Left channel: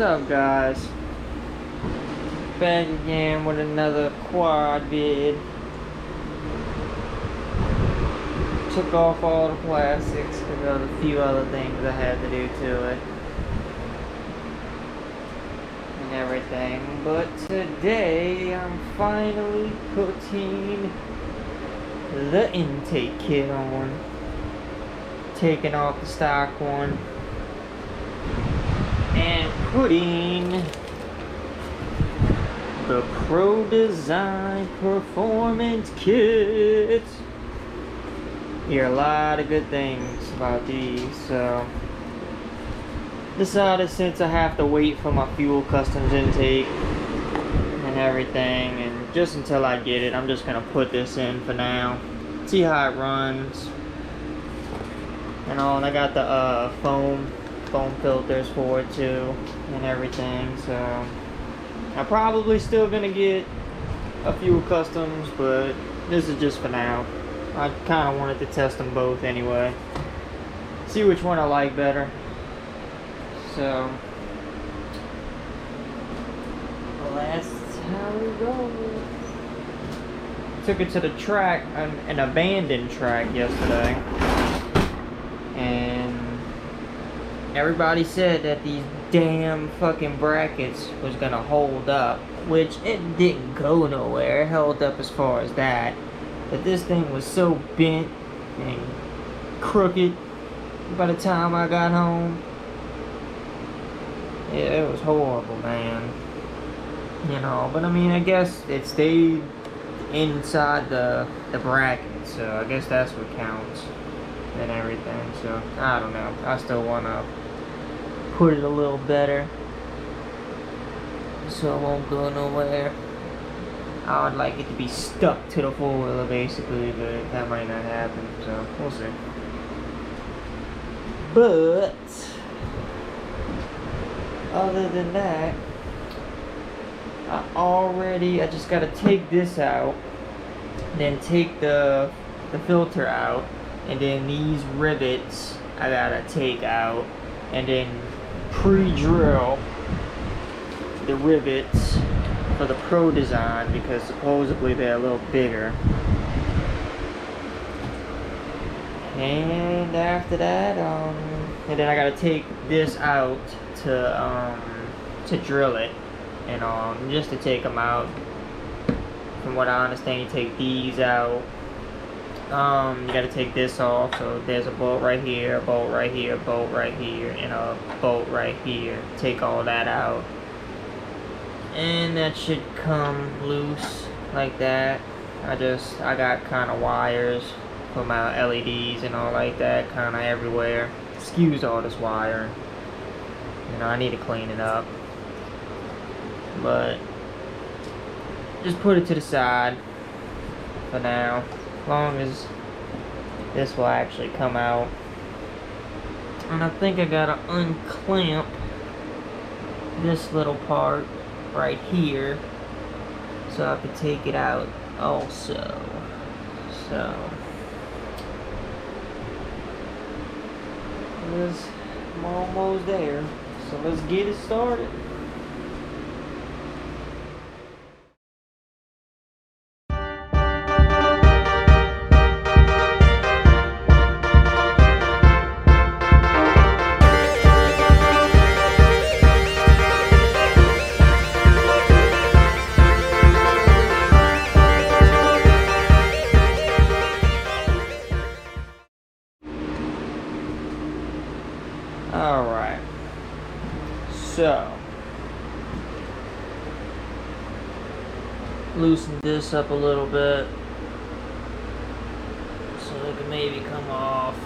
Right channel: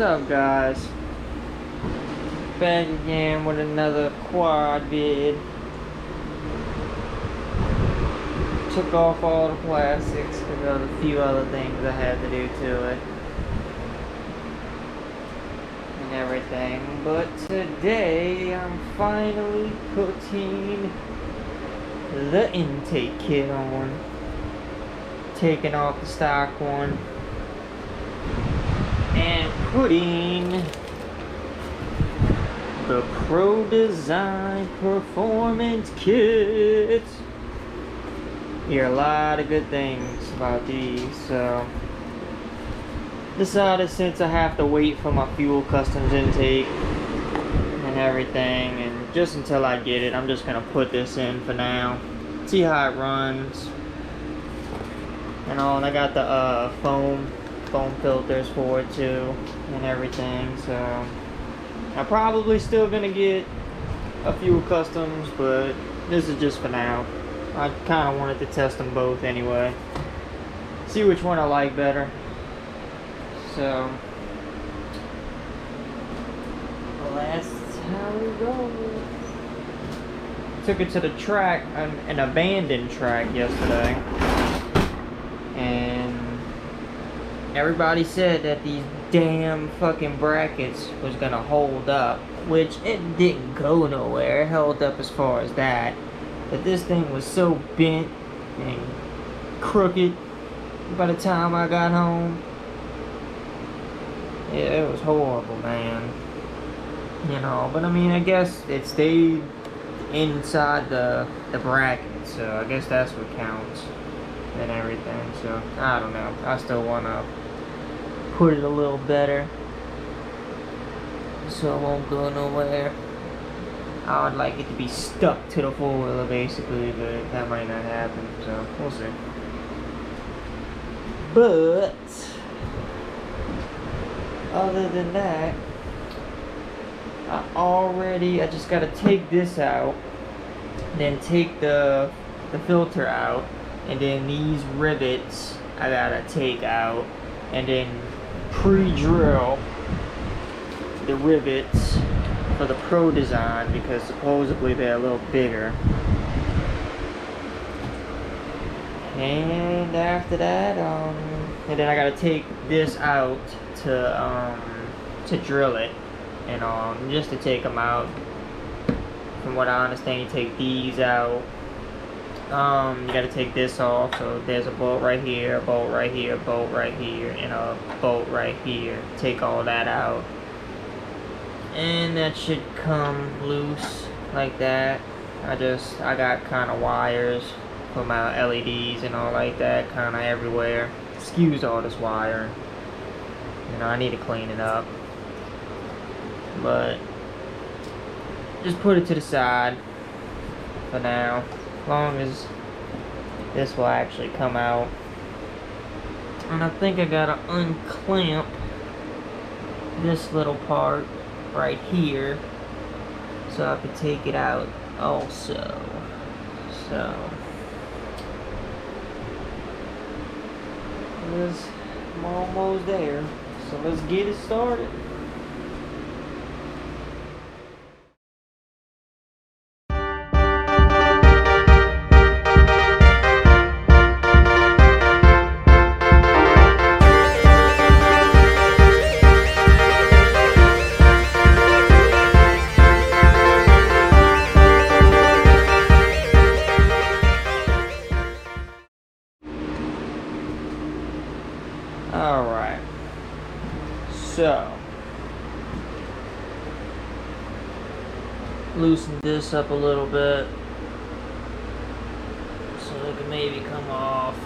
up, guys? Back again with another quad vid. Took off all the plastics because there was a few other things I had to do to it and everything. But today I'm finally putting the intake kit on, taking off the stock one and putting the Pro Design Performance Kit. Hear a lot of good things about these, so decided since I have to wait for my fuel customs intake and everything, and just until I get it, I'm just gonna put this in for now, see how it runs and all. And I got the foam filters for it too and everything, so I'm probably still gonna get a fuel customs, but this is just for now. I kind of wanted to test them both anyway, see which one I like better. So well, that's how we go. Took it to the track, an abandoned track yesterday, and everybody said that these damn fucking brackets was gonna hold up, which it didn't go nowhere. It held up as far as that, but this thing was so bent and crooked by the time I got home. Yeah, it was horrible, man. You know, but I mean, I guess it stayed inside the bracket, so I guess that's what counts and everything. So I don't know, I still wanna put it a little better so it won't go nowhere. I would like it to be stuck to the four-wheeler basically, but that might not happen, so we'll see. But other than that, I just gotta take this out, then take the filter out, and then these rivets I gotta take out, and then pre-drill the rivets for the Pro Design because supposedly they're a little bigger. And after that, and then I gotta take this out to drill it, and just to take them out. From what I understand, you take these out. You gotta take this off. So there's a bolt right here, a bolt right here, a bolt right here, and a bolt right here. Take all that out, and that should come loose like that. I got kind of wires for my LEDs and all like that, kind of everywhere. Excuse all this wire. You know, I need to clean it up, but just put it to the side for now, as long as this will actually come out. And I think I gotta unclamp this little part right here so I could take it out also. So I'm almost there, so let's get it started. Alright, so loosen this up a little bit so it can maybe come off.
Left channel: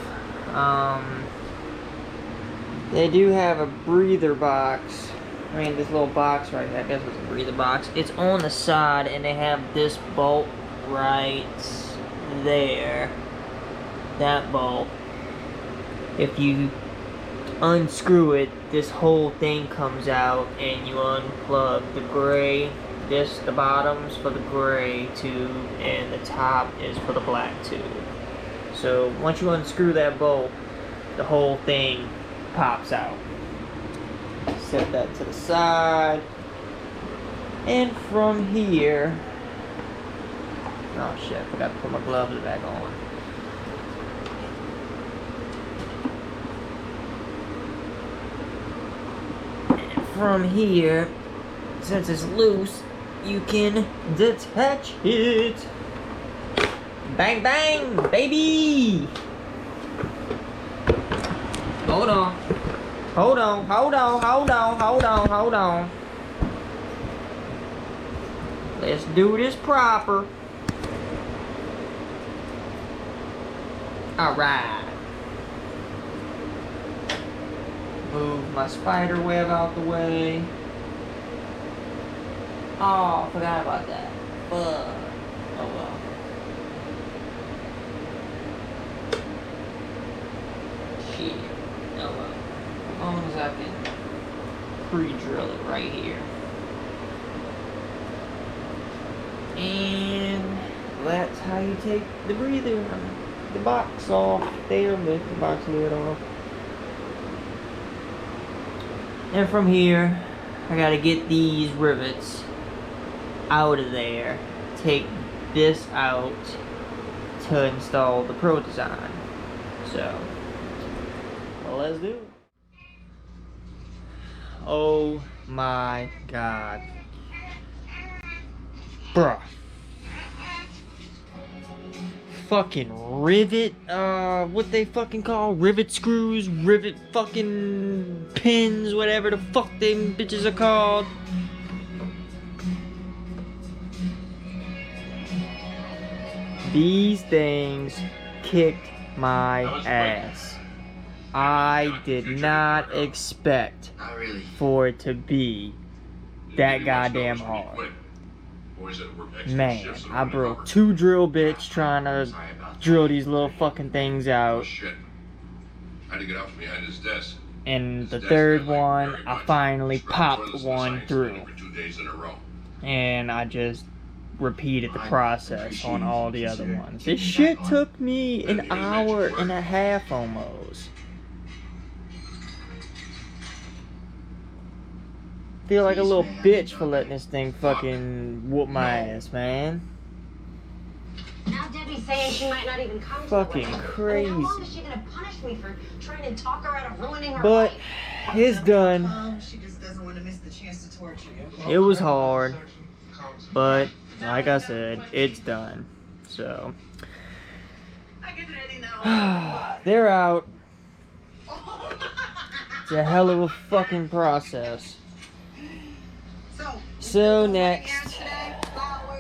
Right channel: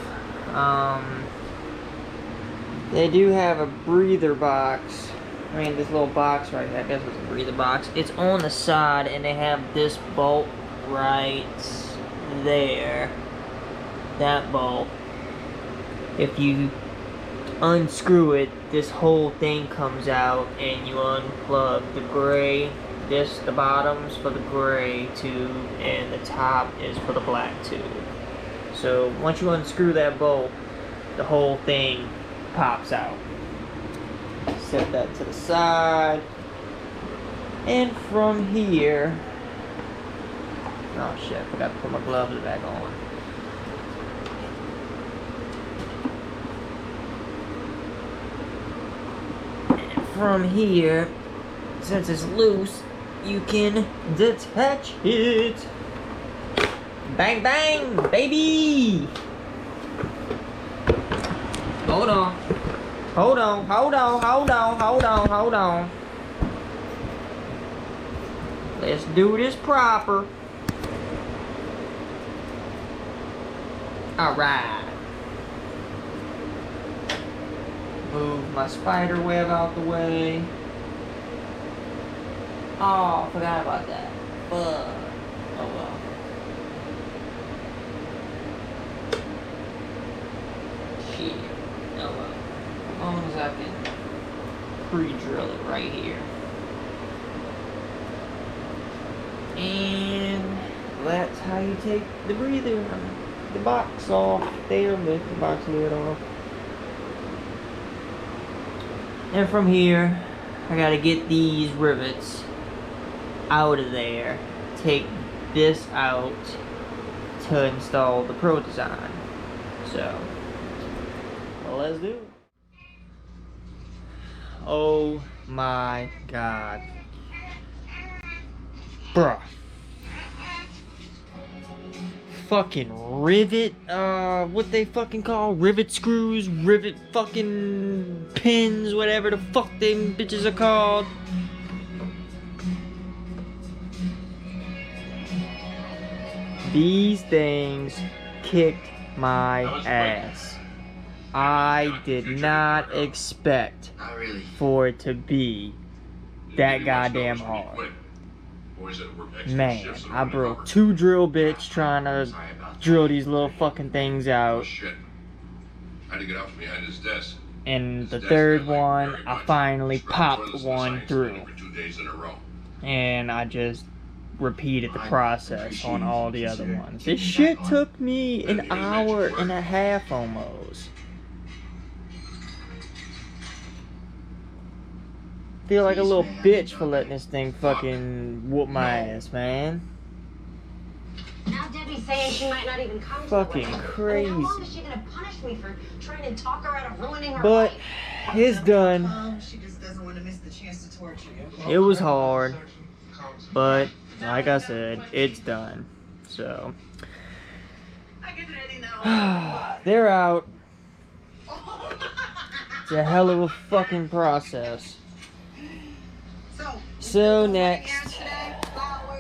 They do have a breather box. I mean, this little box right here, I guess it's a breather box. It's on the side, and they have this bolt right there. That bolt. If you unscrew it, this whole thing comes out, and you unplug the gray. The bottom's for the gray tube, and the top is for the black tube. So once you unscrew that bolt, the whole thing pops out. Set that to the side. And from here, oh shit, I forgot to put my gloves back on. And from here, since it's loose, you can detach it. Bang bang, baby! Hold on. Hold on, hold on, hold on, hold on, hold on. Let's do this proper. Alright. Move my spider web out the way. Oh, forgot about that. Fuck. Oh well. Shit. Oh well. As long as I can pre-drill it right here. And that's how you take the breather, the box off there, lift the box lid off. And from here, I gotta get these rivets out of there, take this out to install the Pro Design. So, well, let's do it. Oh my god. Bruh. Fucking rivet, what they fucking call rivet screws, rivet fucking pins, whatever the fuck them bitches are called. These things kicked my ass. I did not expect for it to be that goddamn hard. Man, I broke 2 drill bits trying to drill these little fucking things out. And the third one, I finally popped one through. And I just repeated the process on all the other ones. This shit took me an hour and a half almost. Feel like a little bitch for letting this thing fucking whoop my ass, man. Now Debbie's saying she might not even come. Fucking crazy. How long is she gonna punish me for trying to talk her out of ruining her But life? it's done. She just doesn't want to miss the chance to torture you. It was hard, but like I said, it's done. So they're out. It's a hell of a fucking process. So next,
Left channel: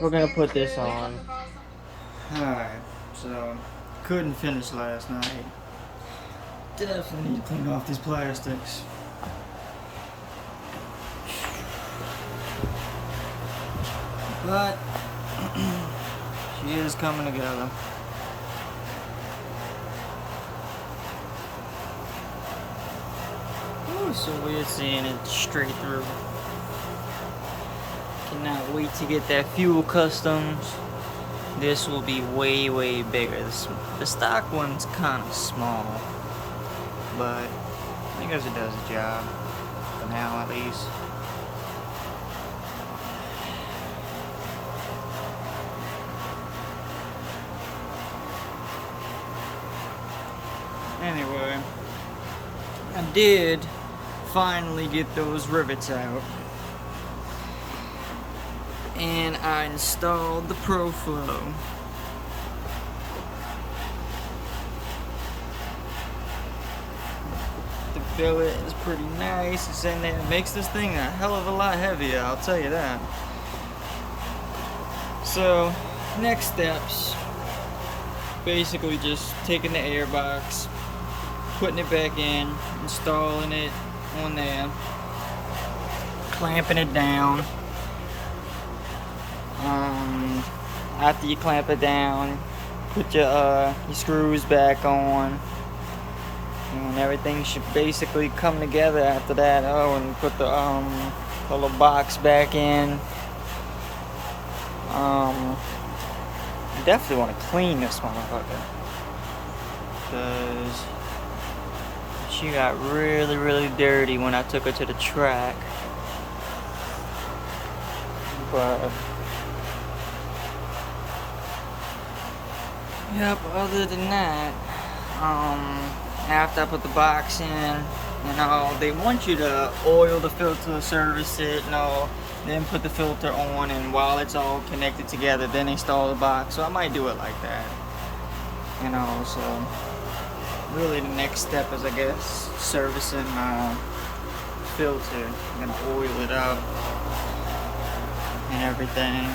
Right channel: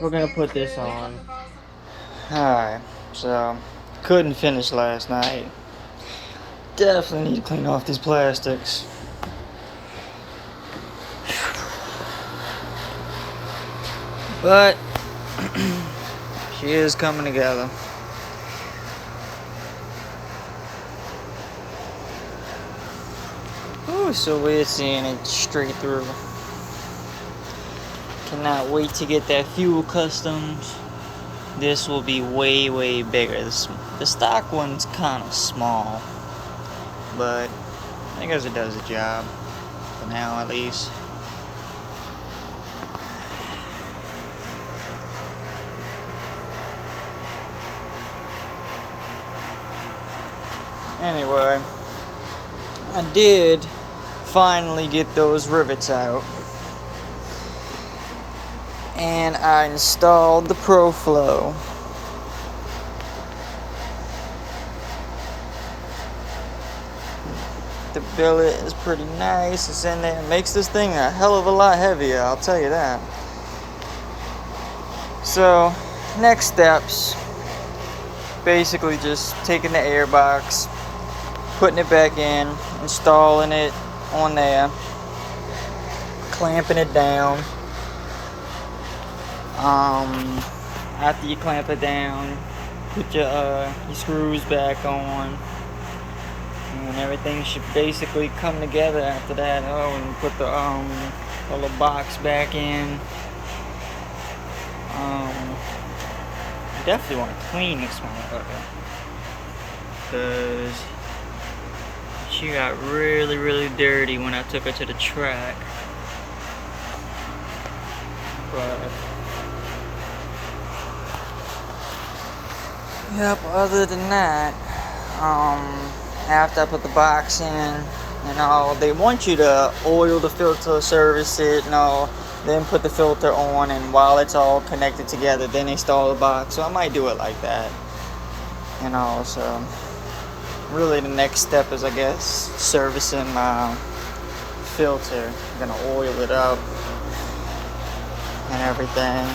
we're gonna put this on. Alright, so couldn't finish last night. Definitely need to clean off these plastics. But she is coming together. Ooh, so weird seeing it straight through. Cannot wait to get that fuel customs. This will be way, way bigger. The stock one's kind of small, but I guess it does the job for now, at least. Anyway, I did finally get those rivets out. And I installed the ProFlow. The billet is pretty nice. It's in there. It makes this thing a hell of a lot heavier, I'll tell you that. So, next steps. Basically just taking the air box, putting it back in, installing it on there, clamping it down. After you clamp it down, put your screws back on, and everything should basically come together after that. Oh, and put the little box back in. You definitely want to clean this motherfucker, because She got really, really dirty when I took her to the track. But yep, other than that, after I put the box in and all, they want you to oil the filter, service it and all, then put the filter on, and while it's all connected together, then install the box. So I might do it like that. And all, so really the next step is, I guess, servicing my filter. I'm gonna oil it up and everything.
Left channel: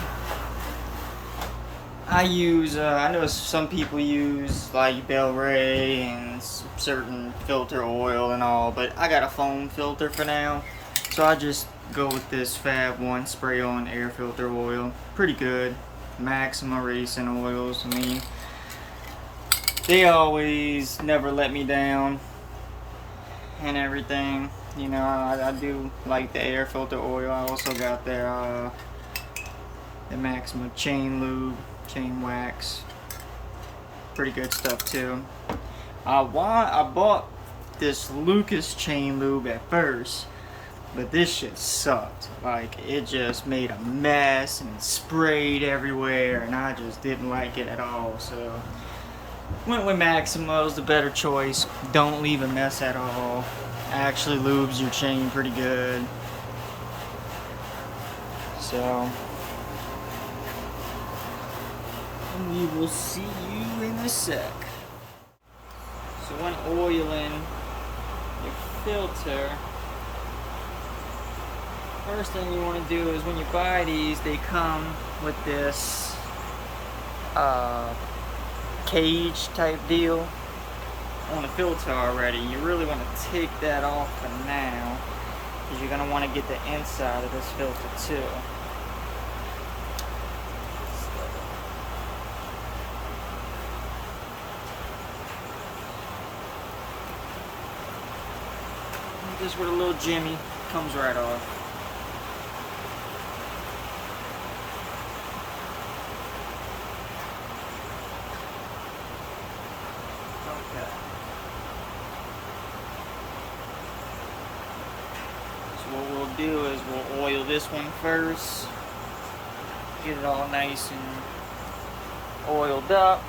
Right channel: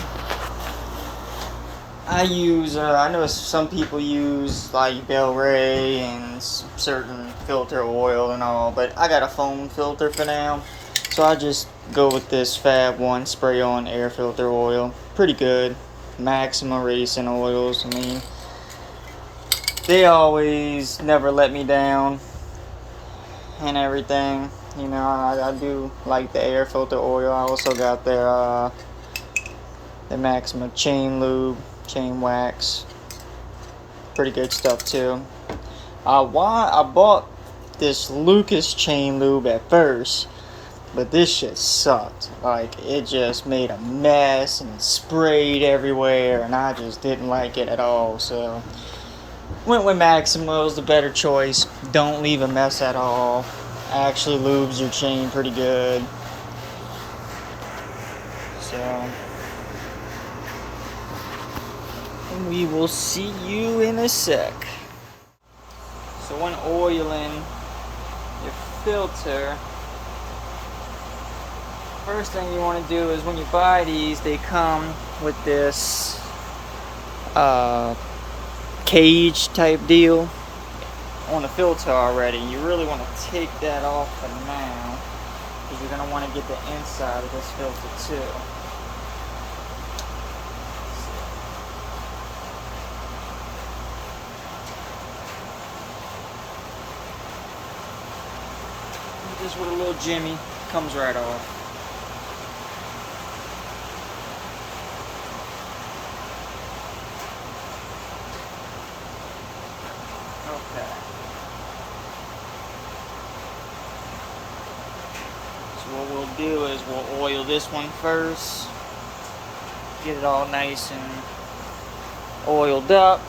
I use, I know some people use like Bel Ray and certain filter oil and all, but I got a foam filter for now. So I just go with this Fab 1 spray on air filter oil. Pretty good. Maxima Racing oils. I mean, they always never let me down and everything. You know, I do like the air filter oil. I also got their the Maxima chain lube, chain wax. Pretty good stuff too. I bought this Lucas chain lube at first, but this shit sucked. Like, it just made a mess and it sprayed everywhere, and I just didn't like it at all. So went with Maxima. It was the better choice. Don't leave a mess at all. Actually lubes your chain pretty good. So we will see you in a sec. So when oiling your filter, first thing you want to do is, when you buy these, they come with this cage type deal on the filter already. You really want to take that off for now, because you're going to want to get the inside of this filter too. Just with a little jimmy, comes right off. Okay. So what we'll do is we'll oil this one first. Get it all nice and oiled up.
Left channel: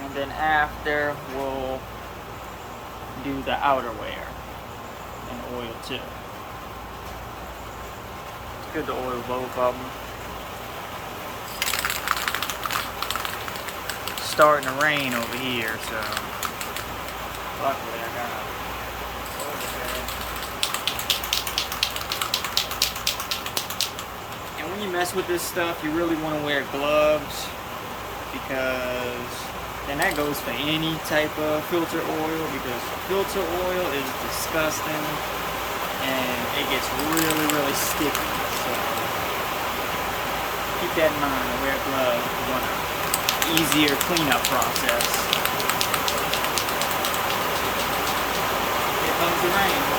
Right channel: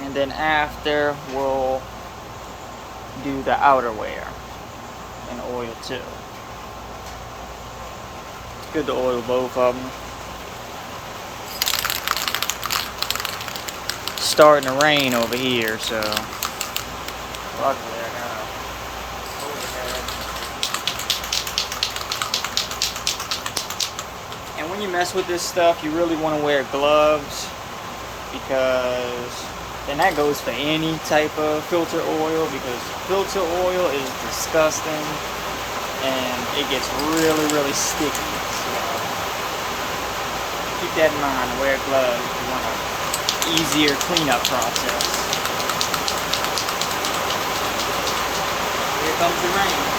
And then after, we'll do the outerwear and oil too. It's good to oil both of them. It's starting to rain over here, so luckily I got a overhead. And when you mess with this stuff, you really want to wear gloves, because and that goes for any type of filter oil, because filter oil is disgusting and it gets really, really sticky. So keep that in mind, to wear gloves if you want an easier cleanup process. Here comes the rain.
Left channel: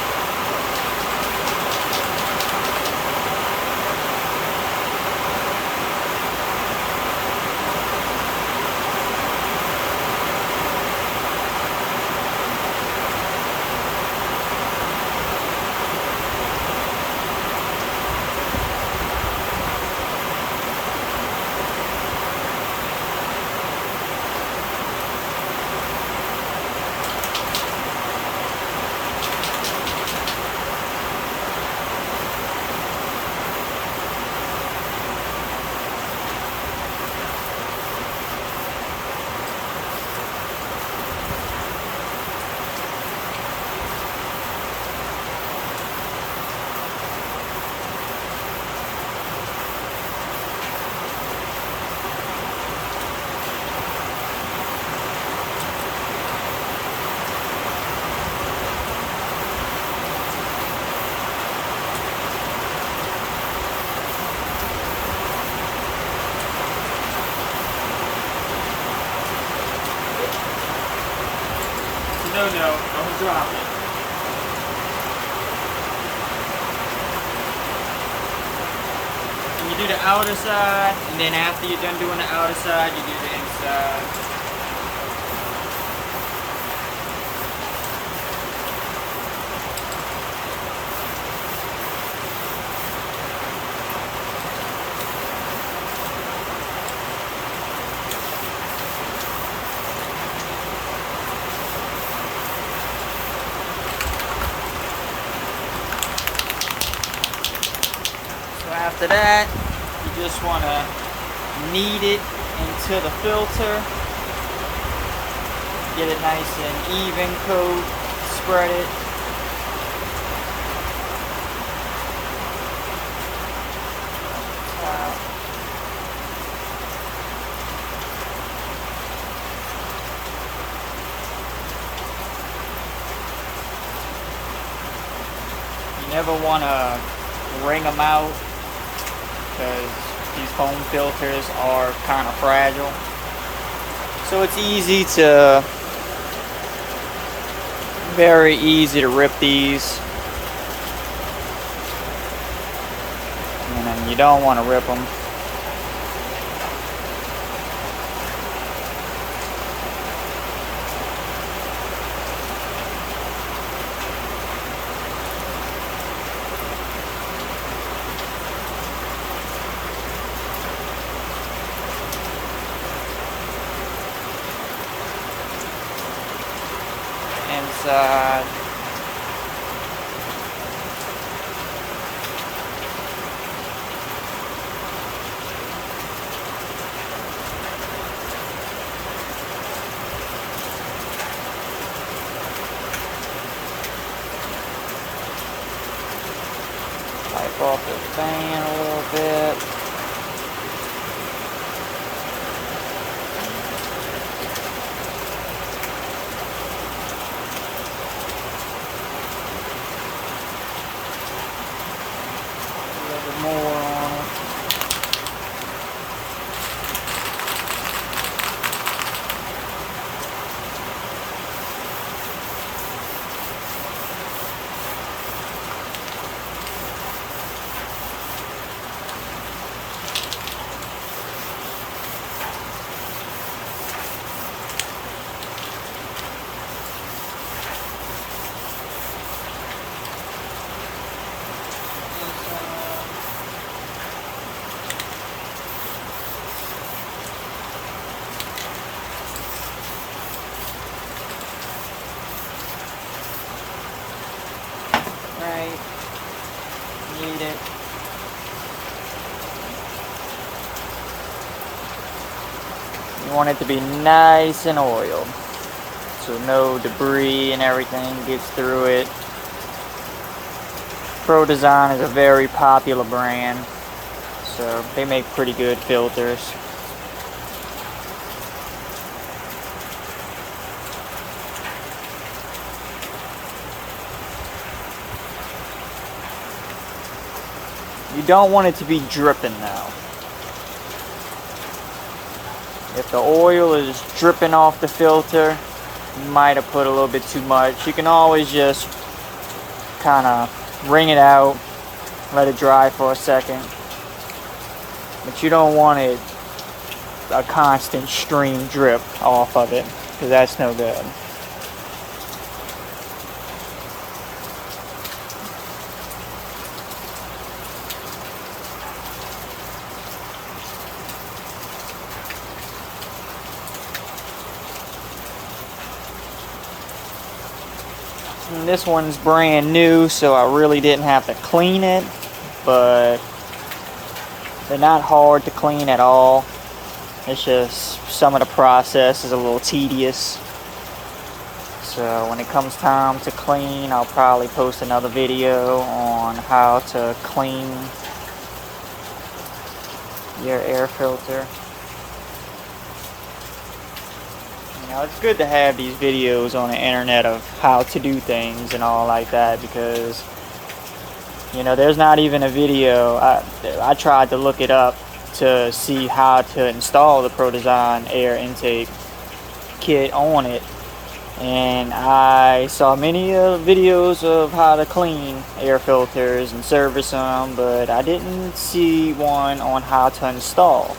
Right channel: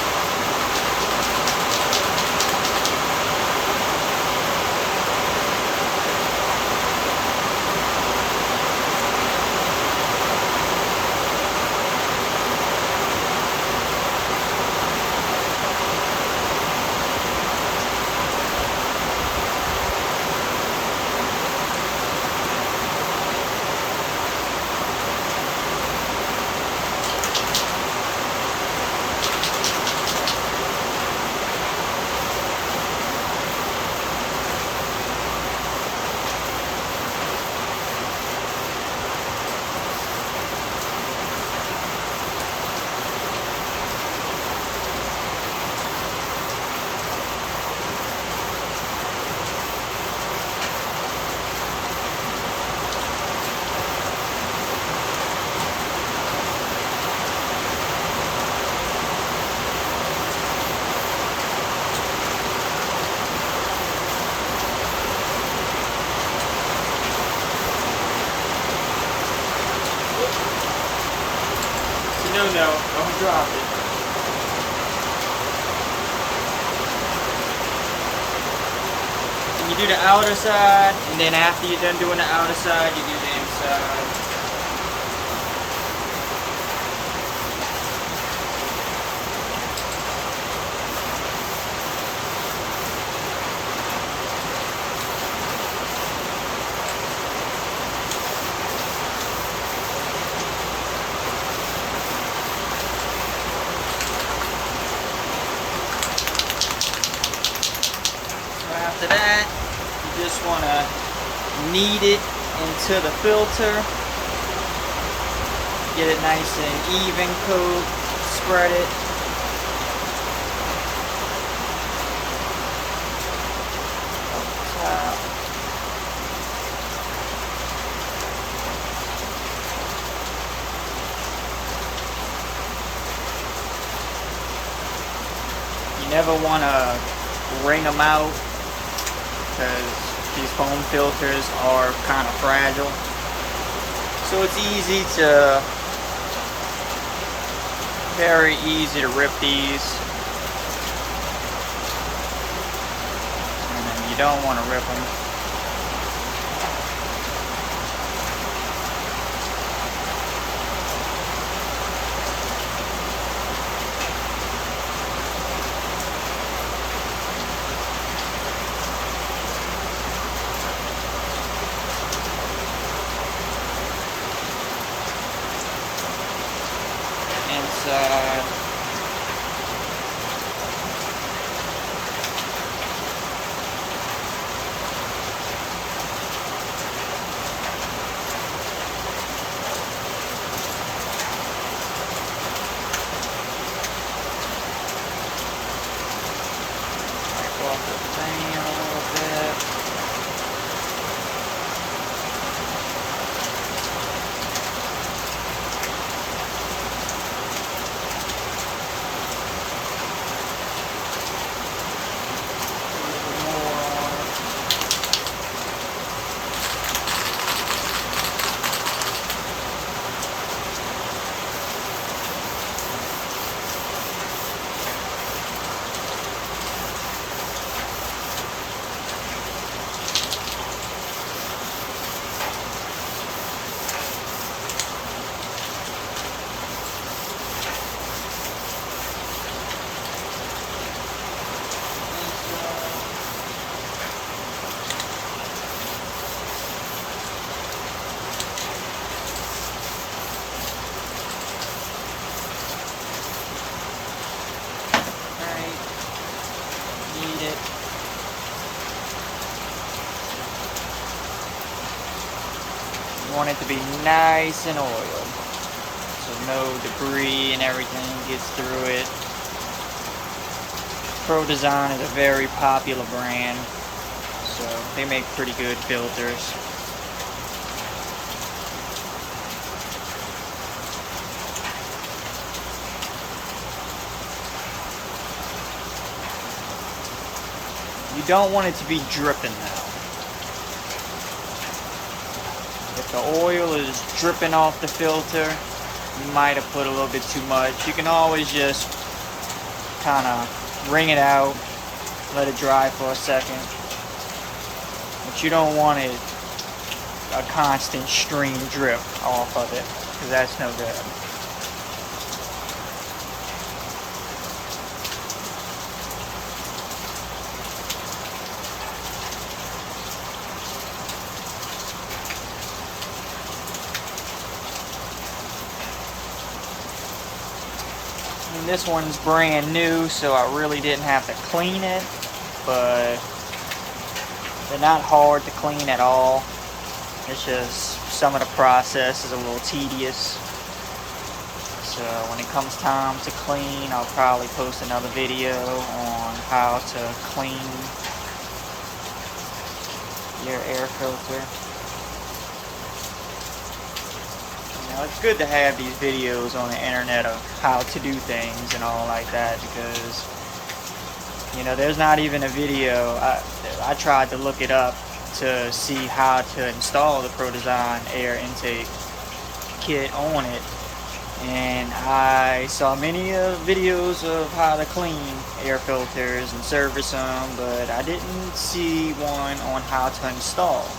No, don't drop it. And you do the outer side, and then after you're done doing the outer side, you do the inside. After that, you just want to knead it into the filter. Get it nice and even coat. Spread it. Up top. You never want to wring them out because these foam filters are kind of fragile. So it's very easy to rip these. And you don't want to rip them. Inside. Wipe off the fan a little bit. You want it to be nice and oiled, so no debris and everything gets through it. Pro Design is a very popular brand, so they make pretty good filters. You don't want it to be dripping now. If the oil is dripping off the filter, you might have put a little bit too much. You can always just kind of wring it out, let it dry for a second. But you don't want it a constant stream drip off of it, because that's no good. And this one's brand new, so I really didn't have to clean it, but they're not hard to clean at all. It's just some of the process is a little tedious. So when it comes time to clean, I'll probably post another video on how to clean your air filter. You know, it's good to have these videos on the internet of how to do things and all like that, because you know, there's not even a video. I tried to look it up to see how to install the Pro Design air intake kit on it, and I saw many videos of how to clean air filters and service them, but I didn't see one on how to install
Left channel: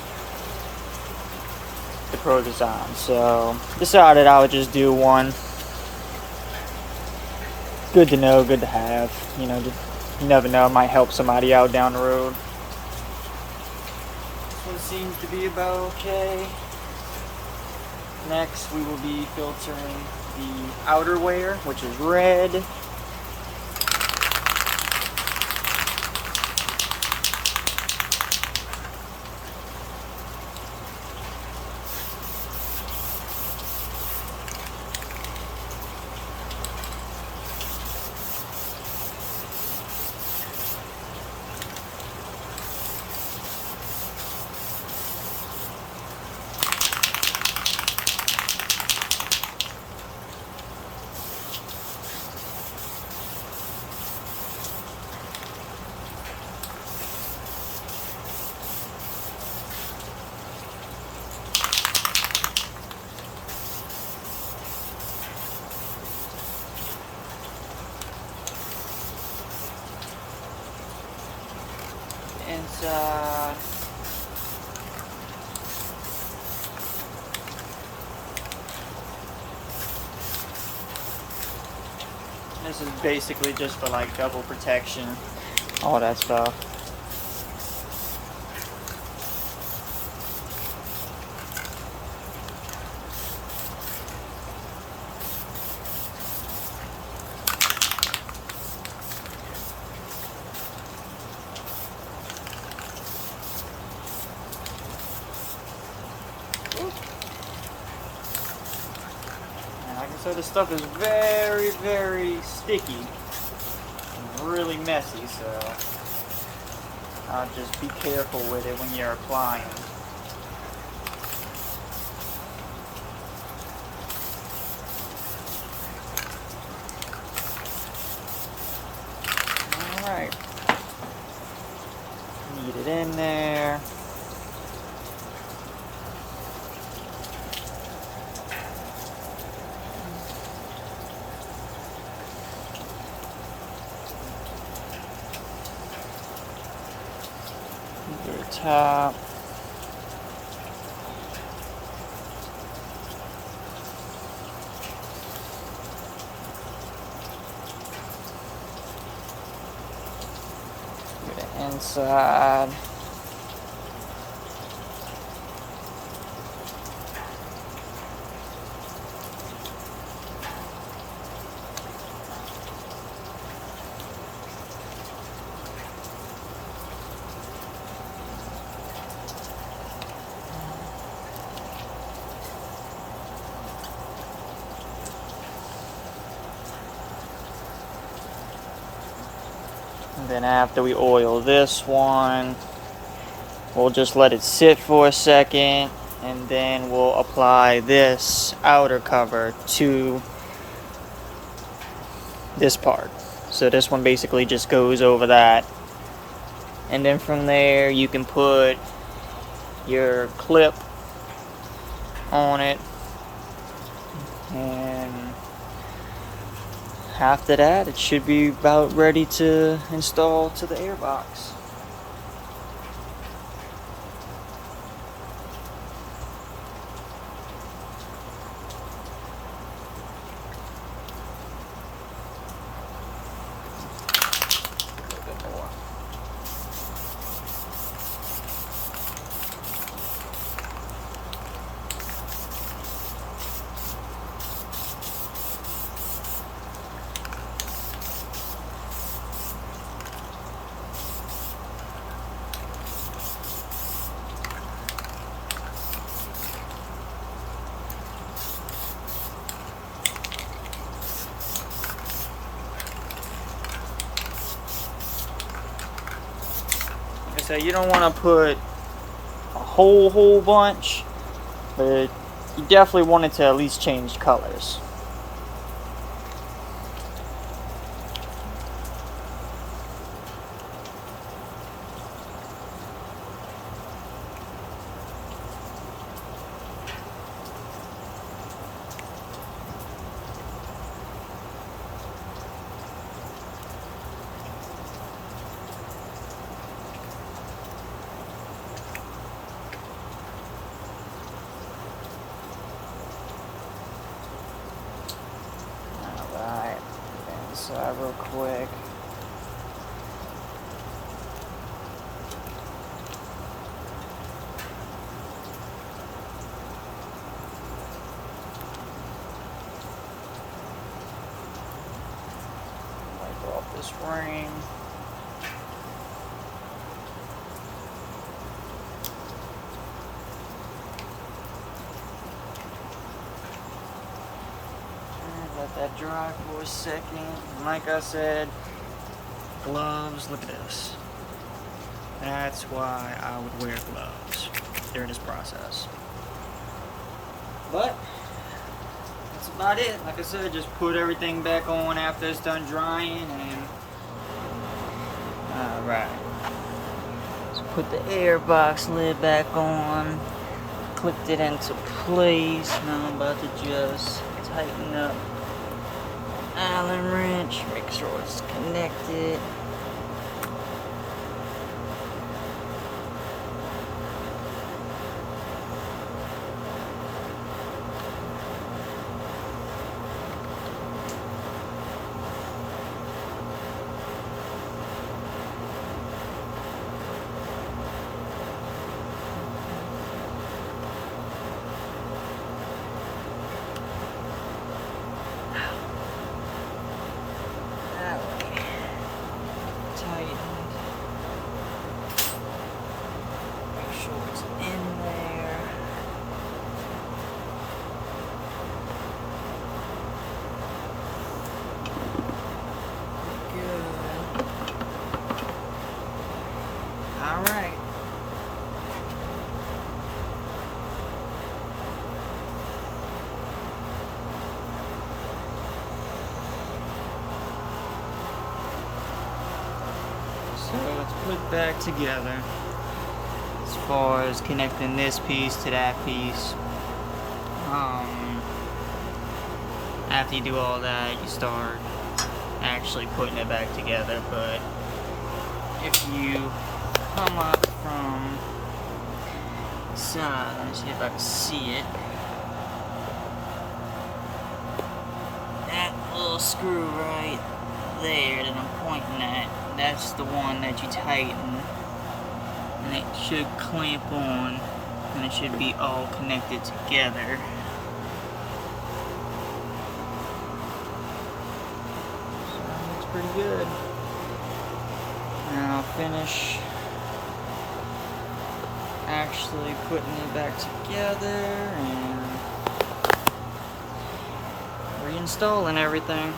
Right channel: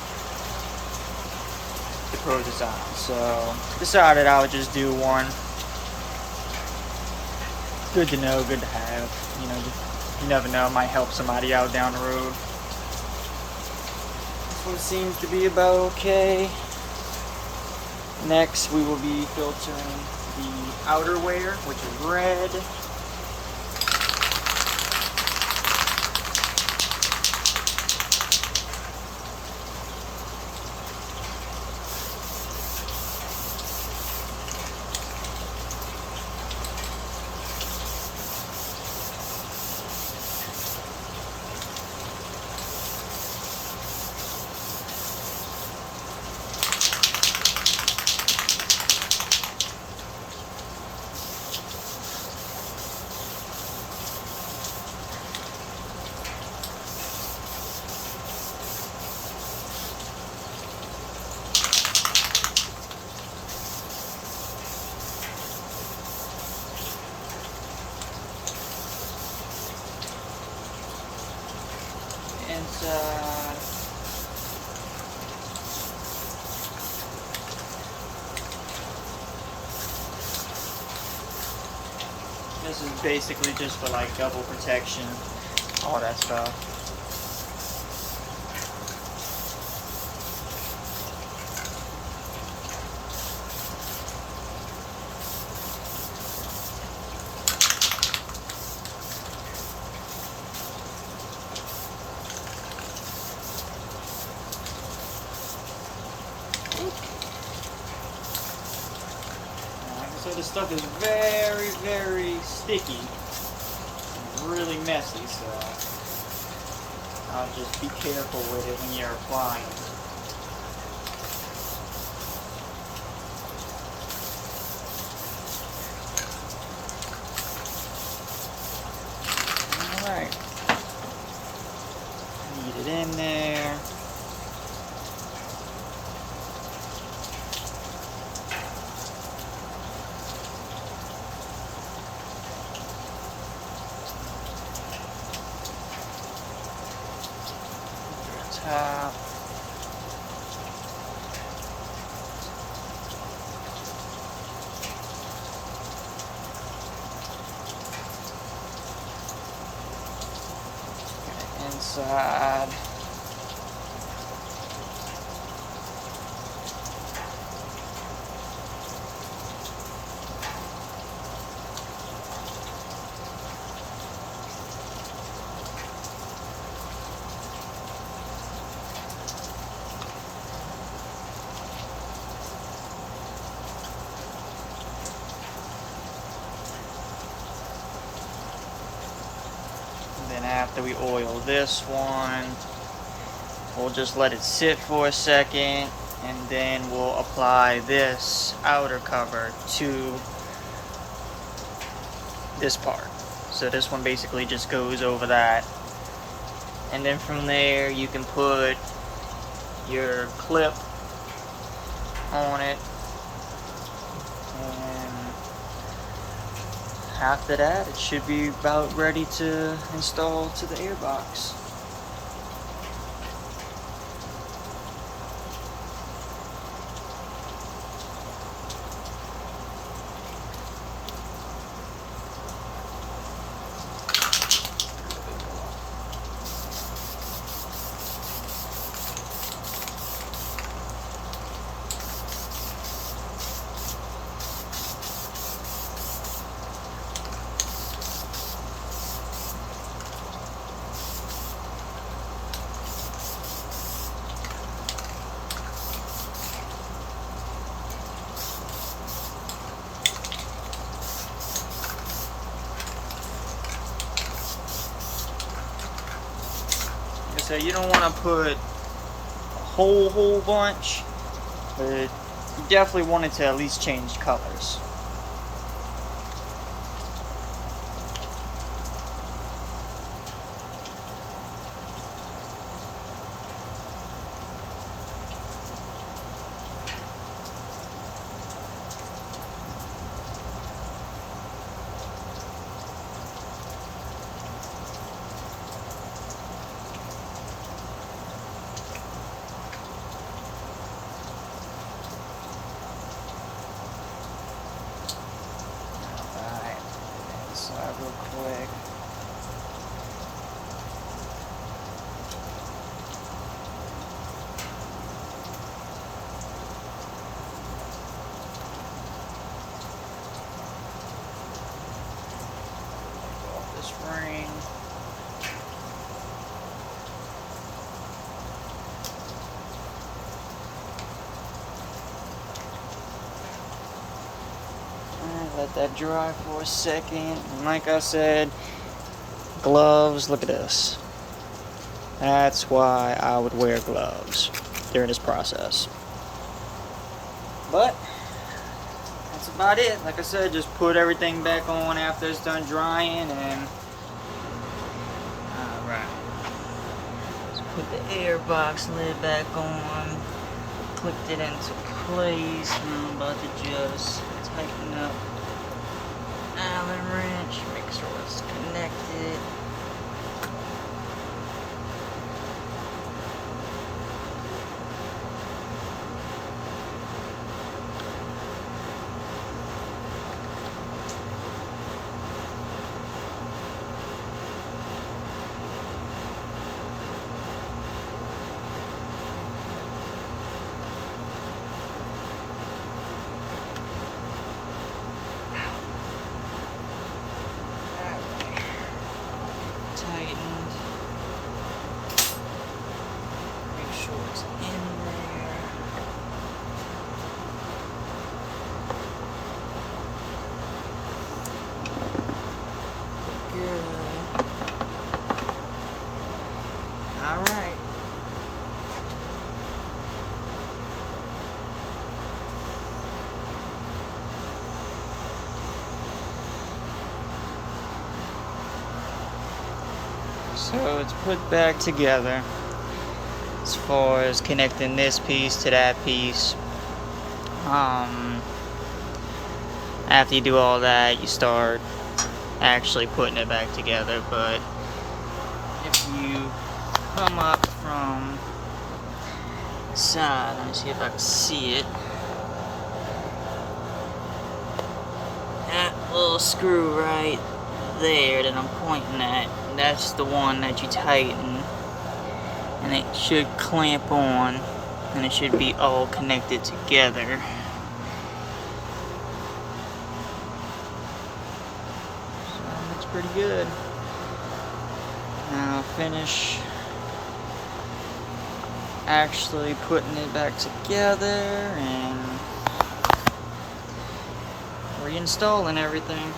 the Pro Design, so decided I would just do one. Good to know, good to have, you know, you never know, it might help somebody out down the road. This one seems to be about okay. Next we will be filtering the outerwear, which is red. inside. This is basically just for like double protection, all that stuff. So this stuff is very, very sticky and really messy, so just be careful with it when you're applying. Alright, knead it in there. Top. Inside. And then after we oil this one, we'll just let it sit for a second, and then we'll apply this outer cover to this part. So this one basically just goes over that. And then from there you can put your clip on it. And after that, it should be about ready to install to the airbox. So you don't want to put a whole bunch, but you definitely wanted to at least change colors. Real quick. Wipe off this ring. Let that dry for a second. And like I said, gloves, look at this. That's why I would wear gloves during this process. But that's about it. Like I said, just put everything back on after it's done drying, and alright. So put the airbox lid back on. Clipped it into place. Now I'm about to just tighten up Allen wrench, make sure it's connected. what's in there. Look good. Alright. So let's put it back together as far as connecting this piece to that piece. After you do all that, you start actually putting it back together. But if you come up from the side, let me see if I can see it. That little screw right there that I'm pointing at, that's the one that you tighten, and it should clamp on, and it should be all connected together. So it looks pretty good. Now I'll finish actually putting it back together and reinstalling everything.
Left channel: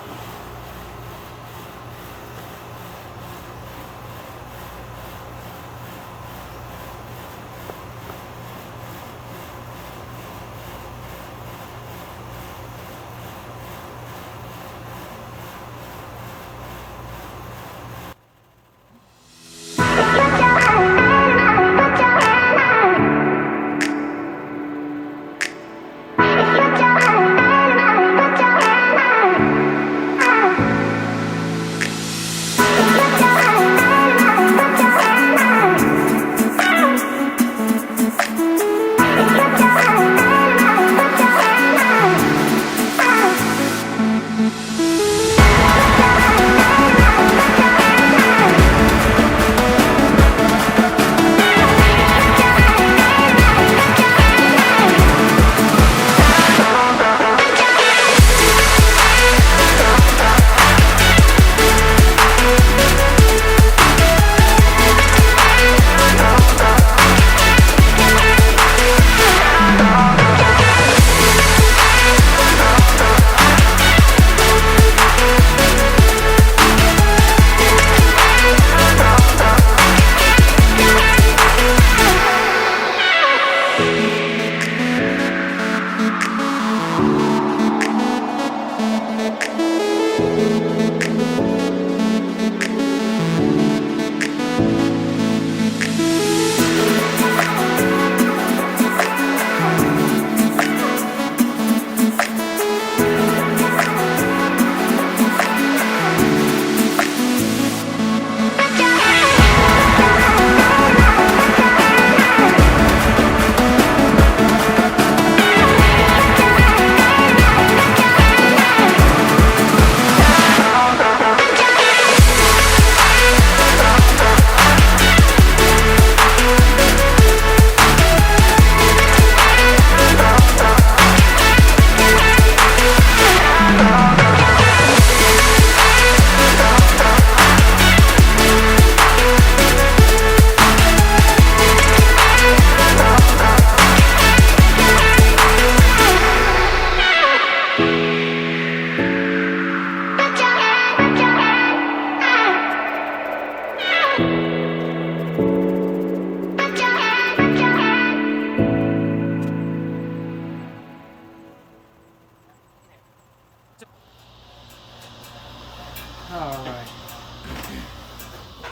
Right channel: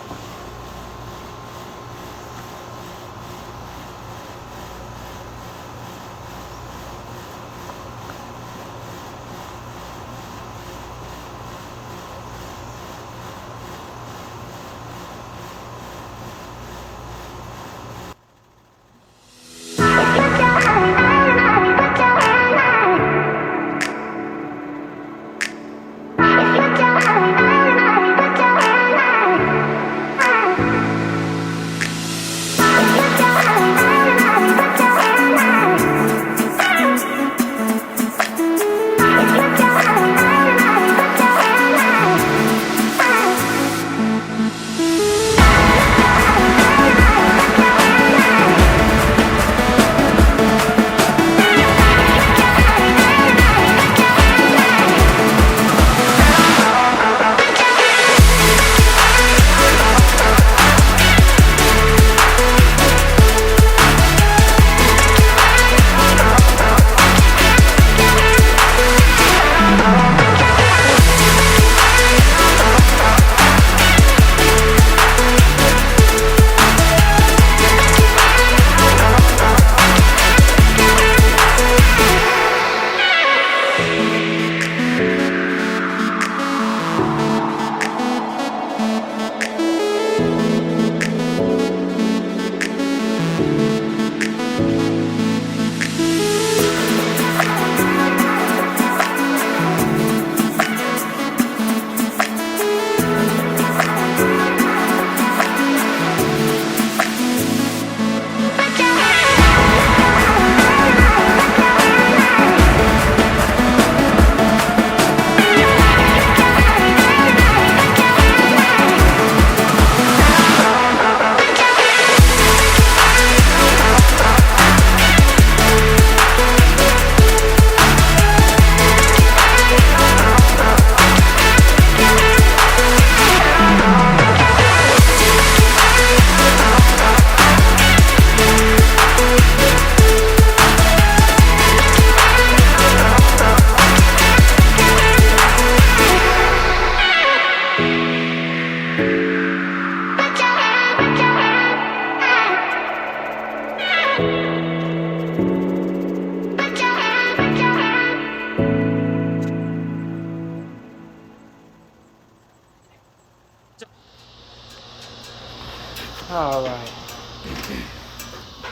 Alright.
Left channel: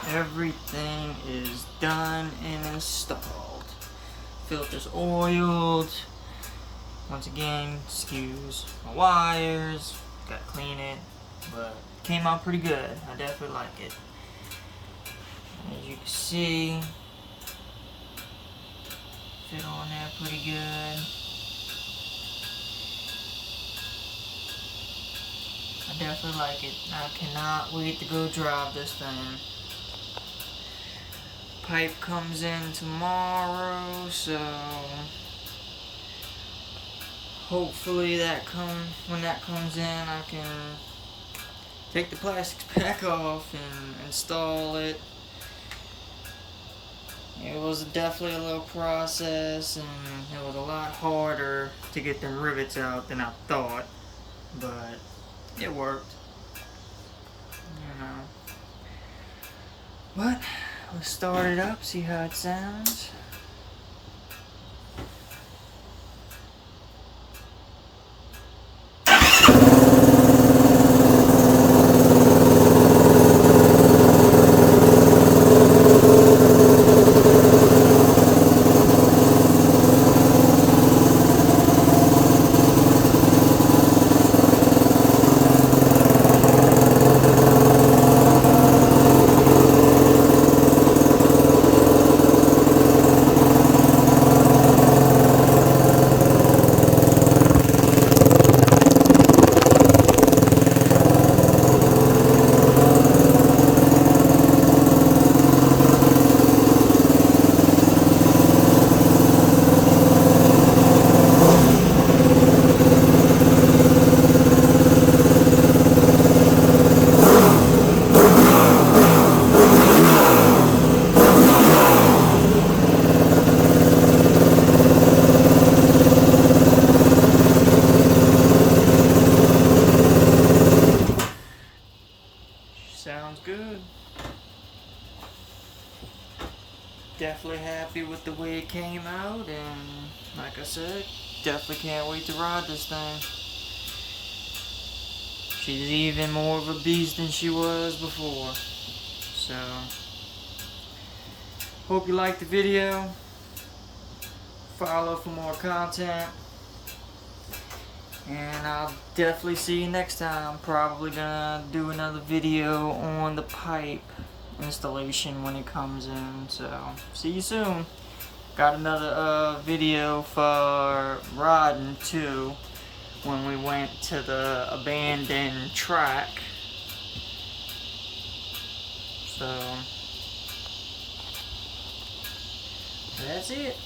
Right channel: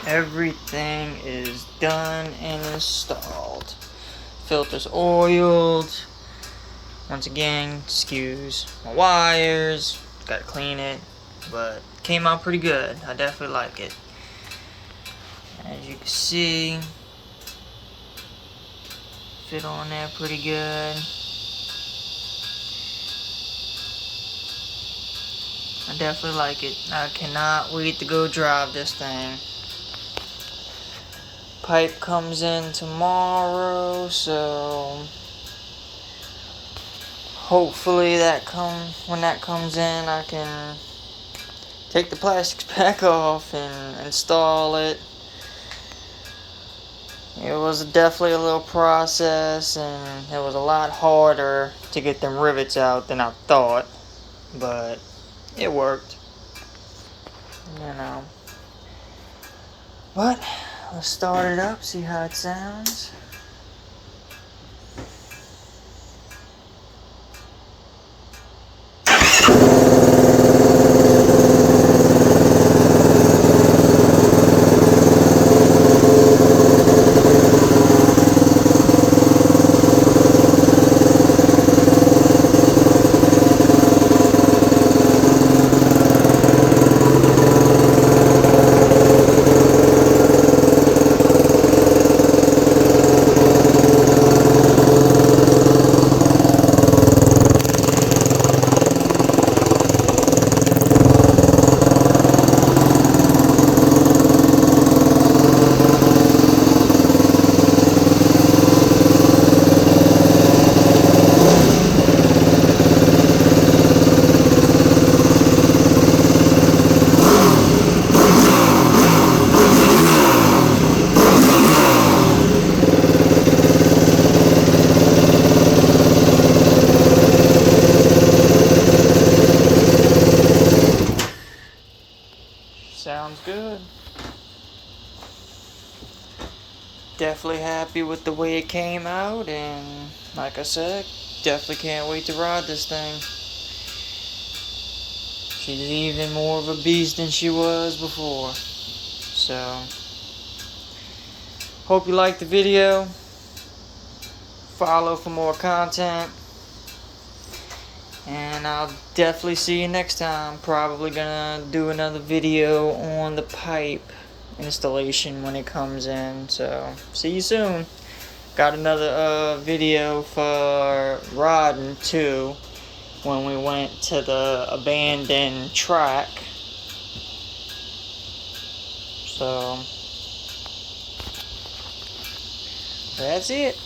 Everything is done and installed. Filter's oiled. Once again, excuse my wires. Gotta clean it. But came out pretty good. I definitely like it. As you can see, fit on there pretty good. I definitely like it. I cannot wait to go drive this thing. Pipe comes in tomorrow, so hopefully when that comes in, I can take the plastics back off and install it. It was definitely a little process, and it was a lot harder to get them rivets out than I thought, but it worked, you know. But let's start it up, see how it sounds. Sounds good. Definitely happy with the way it came out, and like I said, definitely can't wait to ride this thing. She's even more of a beast than she was before. So, hope you liked the video. Follow for more content. And I'll definitely see you next time. Probably gonna do another video on the pipe installation when it comes in. So, see you soon. Got another video for riding too, when we went to the abandoned track. So, that's it.